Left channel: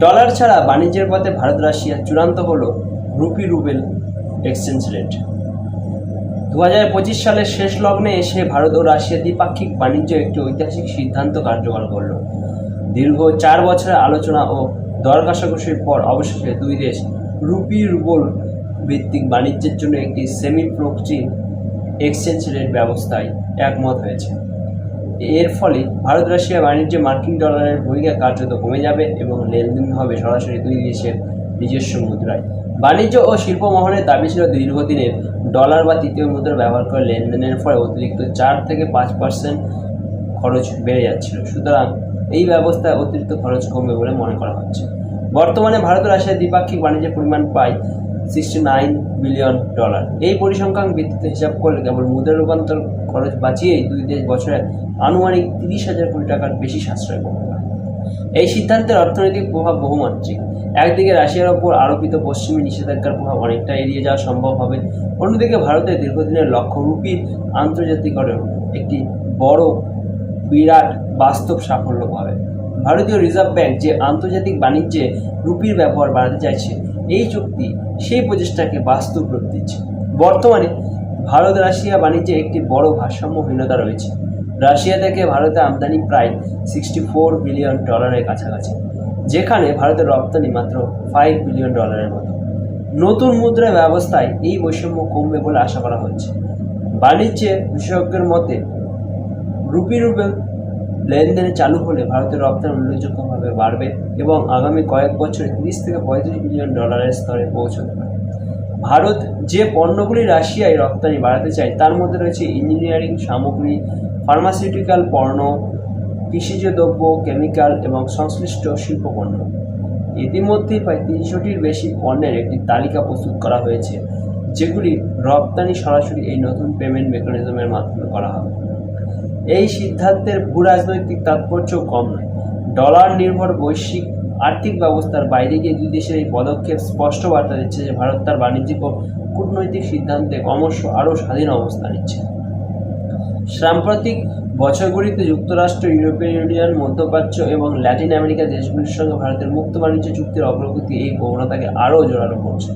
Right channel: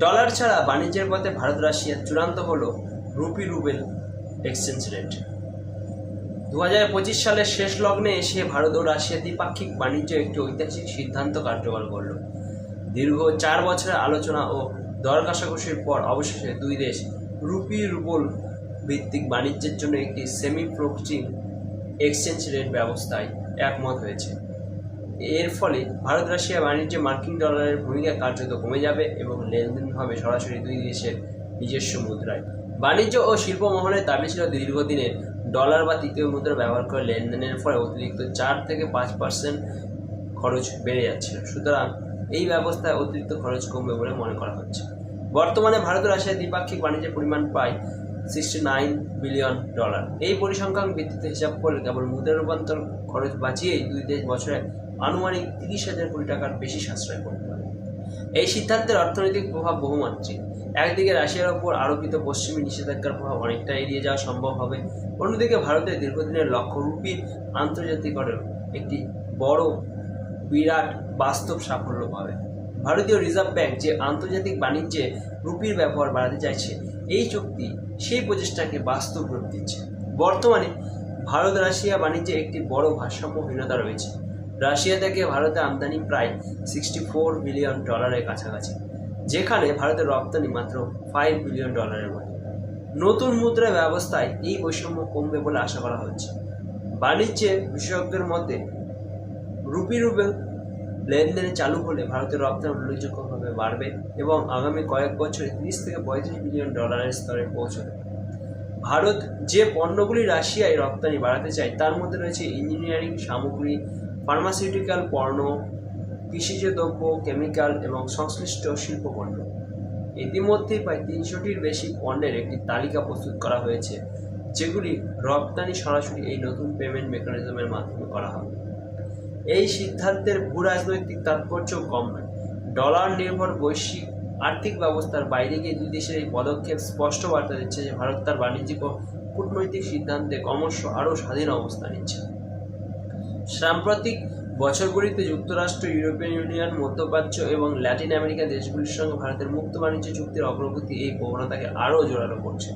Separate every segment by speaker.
Speaker 1: Dollar ছাড়া বাণিজ্যের পথে ভারত রাশিয়া চূড়ান্ত হলো রুপি রুবেল এক্সচেঞ্জ রেট। দু হাজার পঁচিশ সালের শেষ লগ্নে এসে ভারত ও রাশিয়া দ্বিপাক্ষিক বাণিজ্য একটি ঐতিহাসিক সিদ্ধান্ত কার্যকর করল। দীর্ঘ চার বছরের আলোচনা ও দর কষাকষির পর অবশেষে দুই দেশ রুপি রুবল ভিত্তিক বাণিজ্যের জন্য একটি সেমি ফ্লোকচিং এক্সচেঞ্জ রেট ব্যবস্থায় একমত হয়েছে। এর ফলে ভারত রাশিয়া বাণিজ্যে মার্কিন ডলারের ভূমিকা কার্যত কমে যাবে এবং লেনদেন হবে সরাসরি দুই দেশের নিজস্ব মুদ্রায়। বাণিজ্য ও শিল্প মহলের দাবি ছিল দীর্ঘদিনের ডলার বা তৃতীয় মুদ্রা ব্যবহার করে লেনদেনের ফলে অতিরিক্ত চার থেকে পাঁচ পার্সেন্ট খরচ বেড়ে যাচ্ছিল। সুতরাং এই ব্যবস্থায় অতিরিক্ত খরচ কমবে বলে মনে করা হচ্ছে। বর্তমানে ভারত ও রাশিয়ার দ্বিপাক্ষিক বাণিজ্যের পরিমাণ প্রায় সিক্সটি নাইন বিলিয়ন ডলার এই পরিসংখ্যান ভিত্তিতে হিসাব করলে কেবল মুদ্রা রূপান্তর খরচ বাঁচিয়েই দুই দেশ বছরে আনুমানিক তিরিশ হাজার কোটি টাকার বেশি সাশ্রয় করতে পারে। এই সিদ্ধান্তের অর্থনৈতিক প্রভাব বহুমাত্রিক। একদিকে রাশিয়ার ওপর আরোপিত পশ্চিমী নিষেধাজ্ঞার প্রভাব অনেকটা এড়িয়ে যাওয়া সম্ভব হবে। অন্যদিকে ভারতের দীর্ঘদিনের লক্ষ্য রুপির আন্তর্জাতিকরণ একটি বড়, বিরাট বাস্তব সাফল্য পাবে। ভারতীয় রিজার্ভ ব্যাংক যে আন্তর্জাতিক বাণিজ্যে রুপির ব্যবহার বাড়াতে চাইছে এই চুক্তি সেই প্রচেষ্টাকে বাস্তব রূপ দিচ্ছে। বর্তমানে ভারত রাশিয়া বাণিজ্যে একটি বড় ভারসাম্যহীনতা রয়েছে। রাশিয়া থেকে ভারতে আমদানি প্রায় সিক্সটি ফোর বিলিয়ন ডলারের কাছাকাছি, যেখানে ভারতের রপ্তানি মাত্র ফাইভ বিলিয়ন ডলারের মতো। নতুন মুদ্রা ব্যবস্থায় এই বৈষম্য কমবে বলে আশা করা হচ্ছে। বাণিজ্যে বিশেষজ্ঞের মতে রুপি রুবেল লেনদেনে চালু হলে ভারতের রপ্তানি উল্লেখযোগ্যভাবে বাড়বে এবং আগামী কয়েক বছরে তিরিশ থেকে পঁয়ত্রিশ বিলিয়ন ডলারের স্তরে পৌঁছতে পারে। ভারত যে পণ্যগুলি রাশিয়ায় রপ্তানি বাড়াতে চায়, তার মধ্যে রয়েছে ইঞ্জিনিয়ারিং, সামগ্রী, ফার্মাসিউটিক্যাল পণ্য, কৃষিজ দ্রব্য, কেমিক্যাল এবং সংশ্লিষ্ট শিল্প পণ্য ইতিমধ্যেই প্রায় তিনশোটির বেশি পণ্যের একটি তালিকা প্রস্তুত করা হয়েছে, যেগুলি রপ্তানি সরাসরি এই নতুন পেমেন্ট মেকানিজমের মাধ্যমে করা হবে। এই সিদ্ধান্তের ভূ রাজনৈতিক তাৎপর্যও কম নয়। ডলার নির্ভর বৈশ্বিক আর্থিক ব্যবস্থার বাইরে গিয়ে দুই দেশের এই পদক্ষেপ স্পষ্ট বার্তা দিচ্ছে যে ভারত তার বাণিজ্যিক ও কূটনৈতিক সিদ্ধান্তে ক্রমশ আরও স্বাধীন অবস্থান নিচ্ছে। সাম্প্রতিক বছরগুলিতে যুক্তরাষ্ট্র, ইউরোপিয়ান ইউনিয়ন, মধ্যপ্রাচ্য এবং ল্যাটিন আমেরিকা দেশগুলির সঙ্গে ভারতের মুক্ত বাণিজ্য চুক্তির অগ্রগতি এই প্রবণতাকে আরও জোরালো করছে।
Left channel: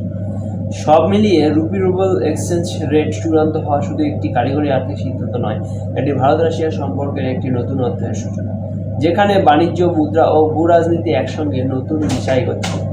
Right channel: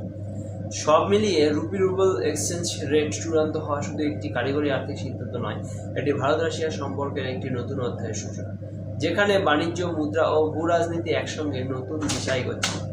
Speaker 1: সব মিলিয়ে রুপি রুবেল এক্সচেঞ্জ রেট চূড়ান্ত হওয়া শুধু একটি কারিগরি আর্থিক সিদ্ধান্ত নয়, এটি ভারত রাশিয়া সম্পর্কের একটি নতুন অধ্যায়ের সূচনা, যেখানে বাণিজ্য, মুদ্রা ও ভূ রাজনীতি একসঙ্গে নতুন বিষয় করছে